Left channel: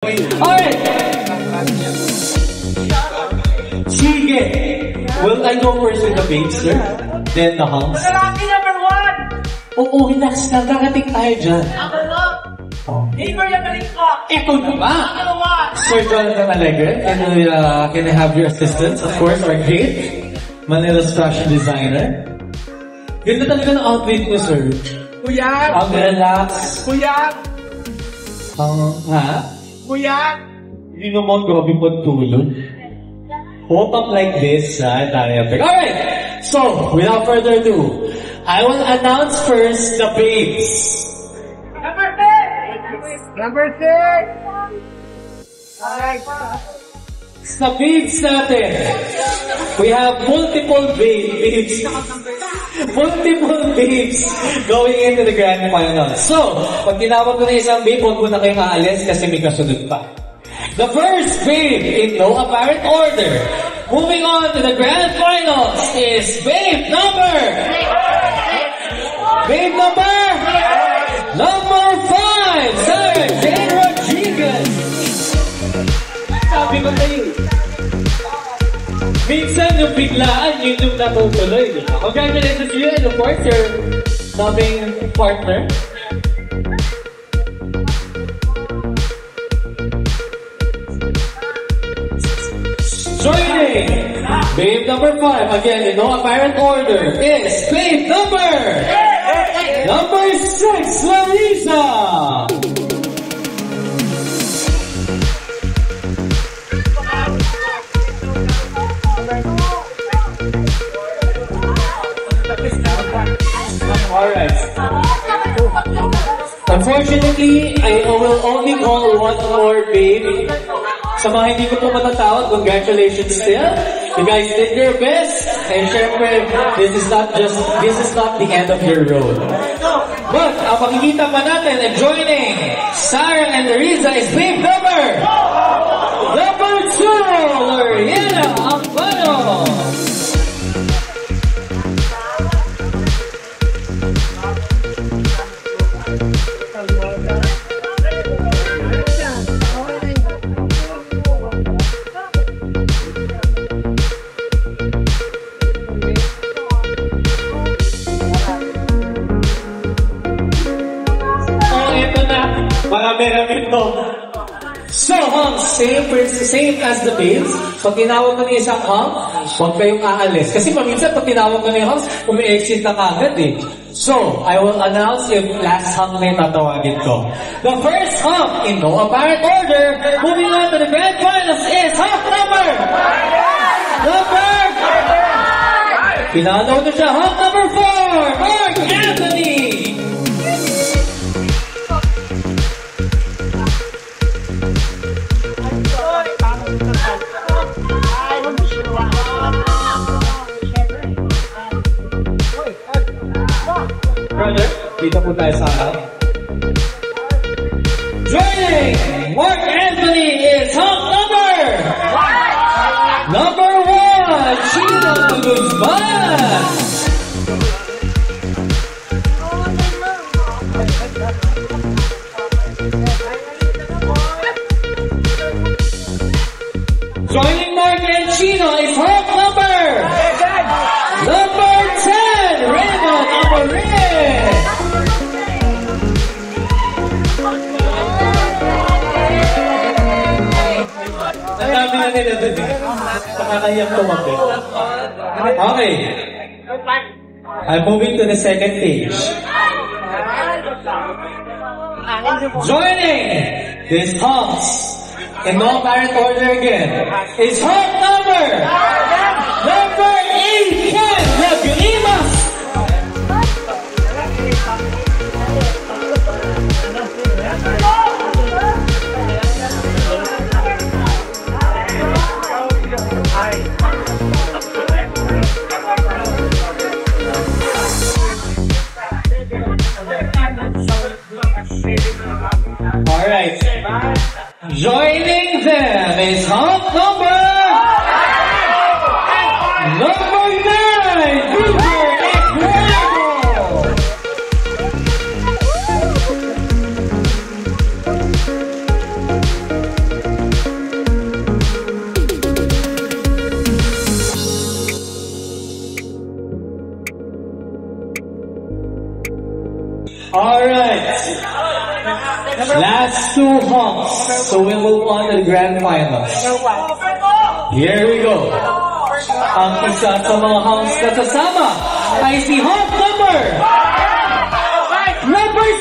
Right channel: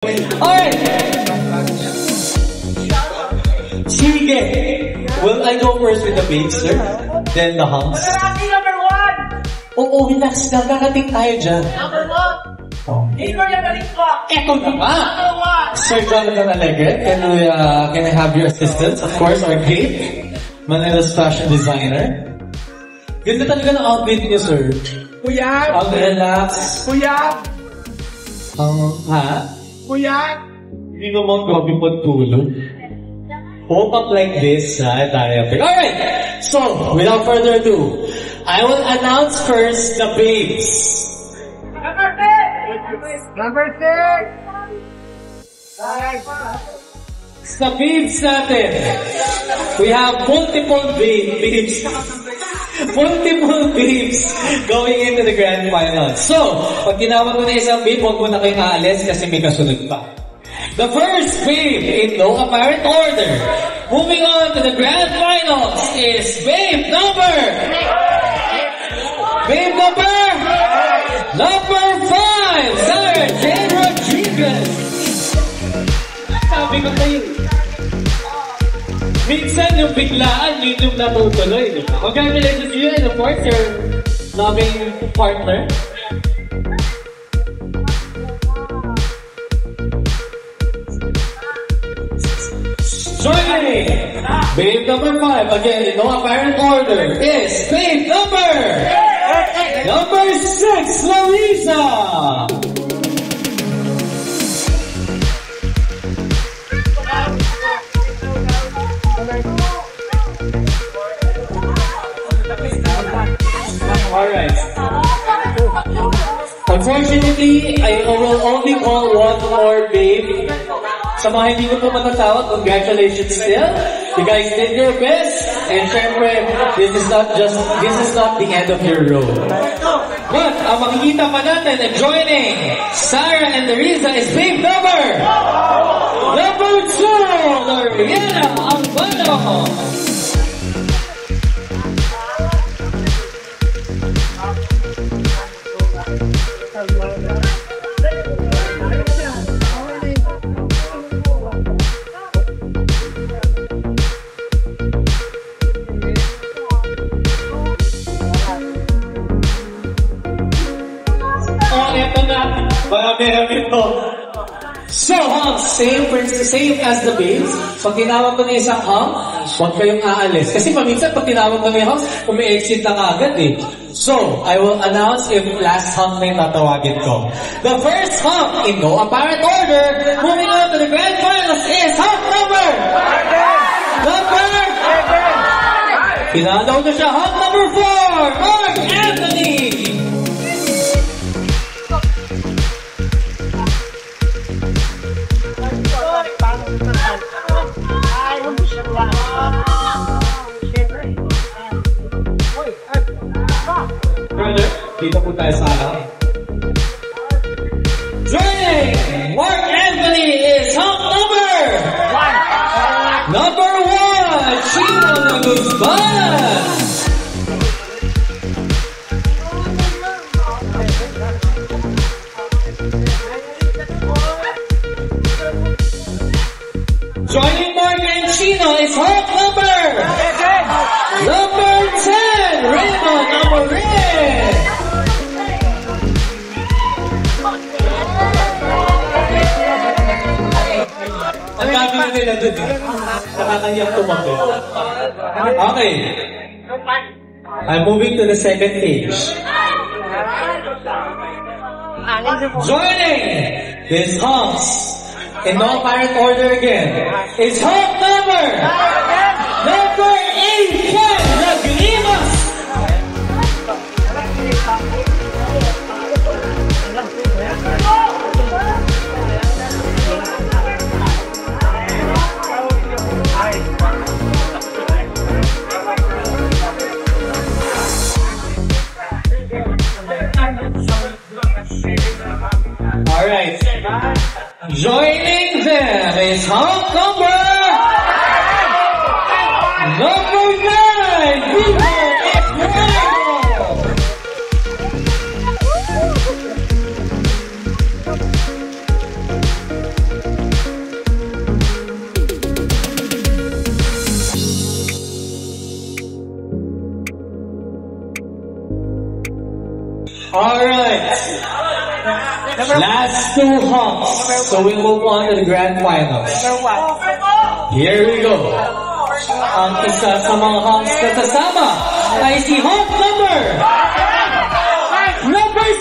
Alright! Sige! Will I go first with the babes, sir? Then the hunks? Rocky number 1! Oo, relax lang. Kakating tayo dyan. Number 2! Oh. Ikaw yung balik ko! Eto na nga! Sir Jonathan Alegre, can I have your assistance? Of course, our great Manila's fashion designer. Ganda talaga ng outfit niyo, sir. Kuya! Ang relax. Kuya! Ha? Kuya! Hindi naman grabe pagtulog. Hope up like this, Alright! So, without further ado, I will announce first the babes. Number 6! Number 6! Alright. Sa babes natin, we have multiple babes. Multiple babes going into the grand final. So, pag tinawag mo na isang babe, huwag mo na kayong aalis kasi may kasunod pa. The first babe in no apparent order, moving on to the grand finals, is babe number 5, Sarah Jane Rodriguez. Sabi ko kayo, minsan yung biglaan, yun yung natutuloy. Congratulations to you and of course your loving partner. Joining babe number 5, again in no apparent order, is babe number 6, Larissa. Alright. Unfortunately, I will only call one more babe. Sa mga hindi ko po matatawag, congratulations still. You guys did your best. And syempre, this is not the end of your road. But, ang makikita pa natin na joining Sarah and Larissa is babe number 2, Loriana Albano. Marami-rami to. So, same as the babes. Pag tinawag mo na isang huwag kayong aalis. Kasi paminsan, pag tinawag mo na yung umi-exit na agad eh. So, I will announce if last hunk may tatawagin ko. The first hunk, in no apparent order, moving on to the grand finals is hunk number! Pinanaw na siya, hunk number 4, Mark Anthony! Dito po tayo sa alaw. Joining Mark Anthony is hunk number 1, Chino Guzman. Joining Mark and Chino is hunk number 10, Raymond Amorin. Nakakayang tumakbo. Okay. I'm moving to the second stage. Joining this hunks in no apparent order again is hunk number 8, Ken Lagrimas. Alright. Joining them is hunk number 9, Vivo Ecuador. Last two honks. So we'll move on to the grand finals. Here we go. Ang isa sa mga honks na sasama ay si honk number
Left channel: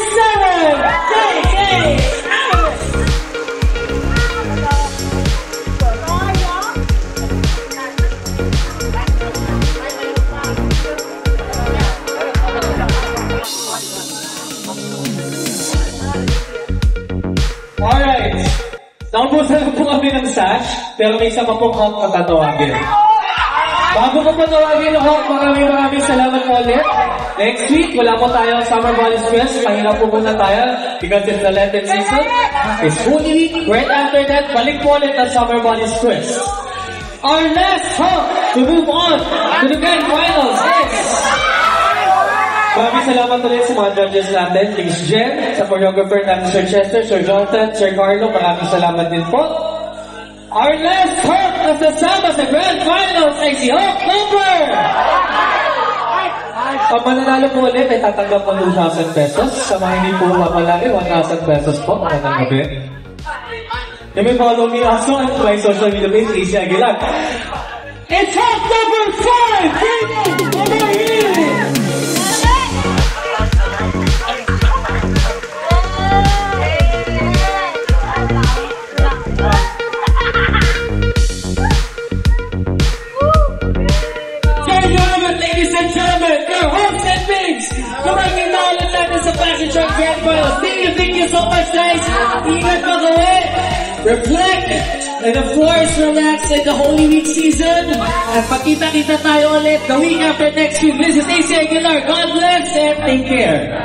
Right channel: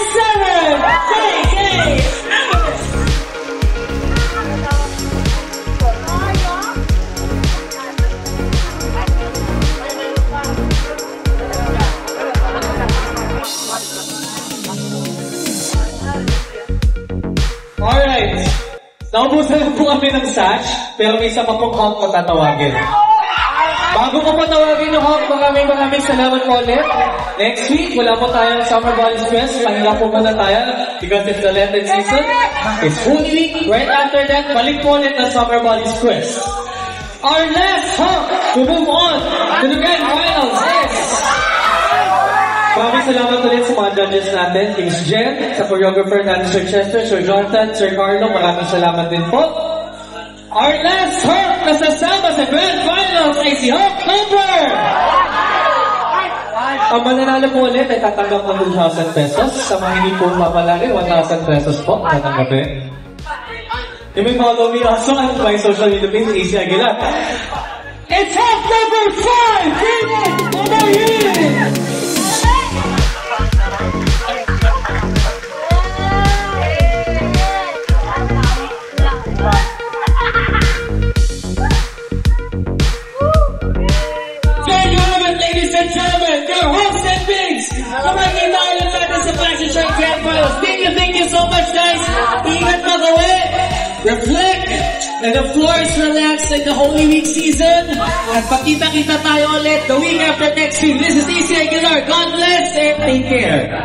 7, JJ! Alright. Naubusan po kami ng sash, pero may isa pa pong honk na tatawagin. Bago ko pa tawagin yung honk, maraming salamat po ulit. Next week, wala po tayong Summer Bodies Fest. Kanina po muna tayo because it's the Lenten season. It's Holy Week. Right after that, balik po ulit ang Summer Bodies Fest. Our last honk to move on to the grand finals is... Maraming salamat ulit sa mga judges natin, Kings Jen, sa choreographer natin, Sir Chester, Sir Jonathan, Sir Carlo, maraming salamat din po. Our last honk na sasama sa grand finals ay si honk number! Ang mananalo po ulit ay tatanggap ng 2,000 pesos. Sa mga hindi po mapalagi, 1,000 pesos po tatanggapin. You may follow me also on my social media page, Easy Aguilar. It's honk number 5! David Odayin! Thank you so much, guys. Ingat mag-uwi. Reflect. And the floor is relaxed in the Holy Week season. At pagkita-kita tayo ulit the week after next week. This is AC Aguilar. God bless and take care.